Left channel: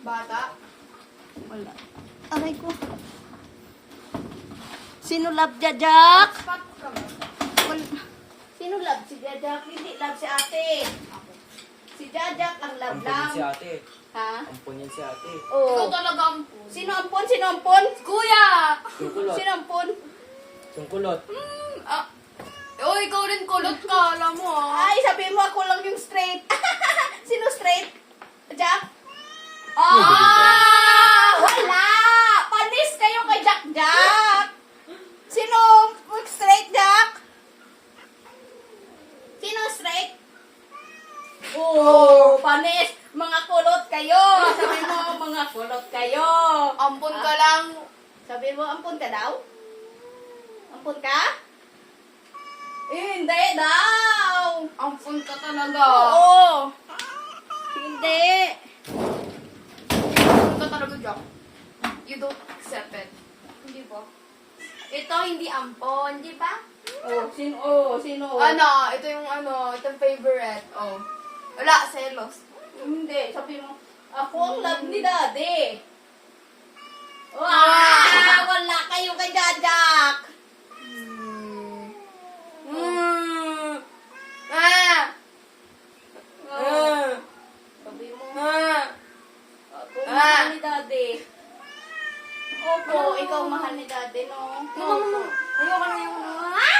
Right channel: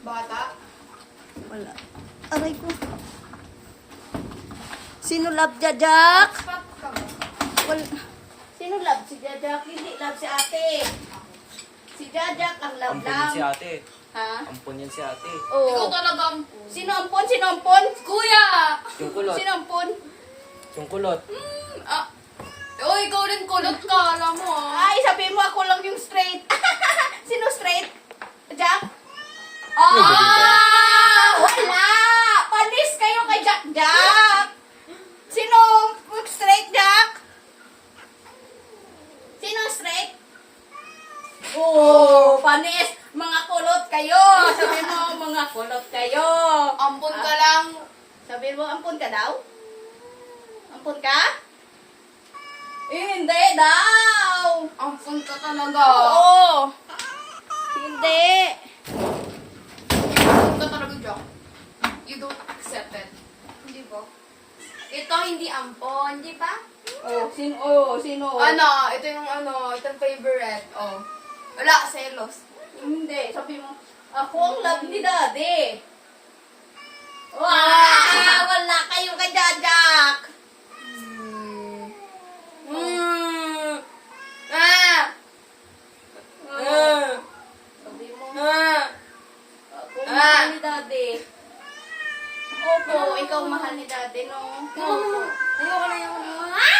Bata? Wala. Aray ko. Sino love Jajak? Spot ka ba? Sino love si Jajak? Hindi love si ate. Si Jajak ang love Ampun yan lang. si ate. Ha? Ampun yan si ate. Ikaw Oo. talaga ang Sino ampon? Sino ampon? Kuya! Sungkulot. Sino ampon? Sungkulot. Ah. Oh, ikaw din kulot ka, alam mo ah. Ay, sabihin mo ako lang yung straight. Sino straight? Jack? Ah! Wala! Panis kayo kay Jack Jack! Sino straight, Jack? Sino straight? Oh, panis! Mga kulot kayo! Sabi mo, mga kulot kayo! Ampun ka lang. Sabi mo, ampun ka daw? Ampun ka? Hindi daw! Ampun ka talaga. Oo! Hindi! Ampun ka talaga, Jack. You don't accept it. Hindi ba? Ito hindi ampon, di ba? Sino? Ano, ito yung favorite. Oh. Wala, selos. Hindi, sabi mo, ako ang love ni Daddy. Wow! Wala kayo kay Jajak. Ah! Sabi mo, Ah! ako ang mahal ni Daddy. Opo, ikaw ang mahal ni Daddy, no? Ayoko na yun. Ah!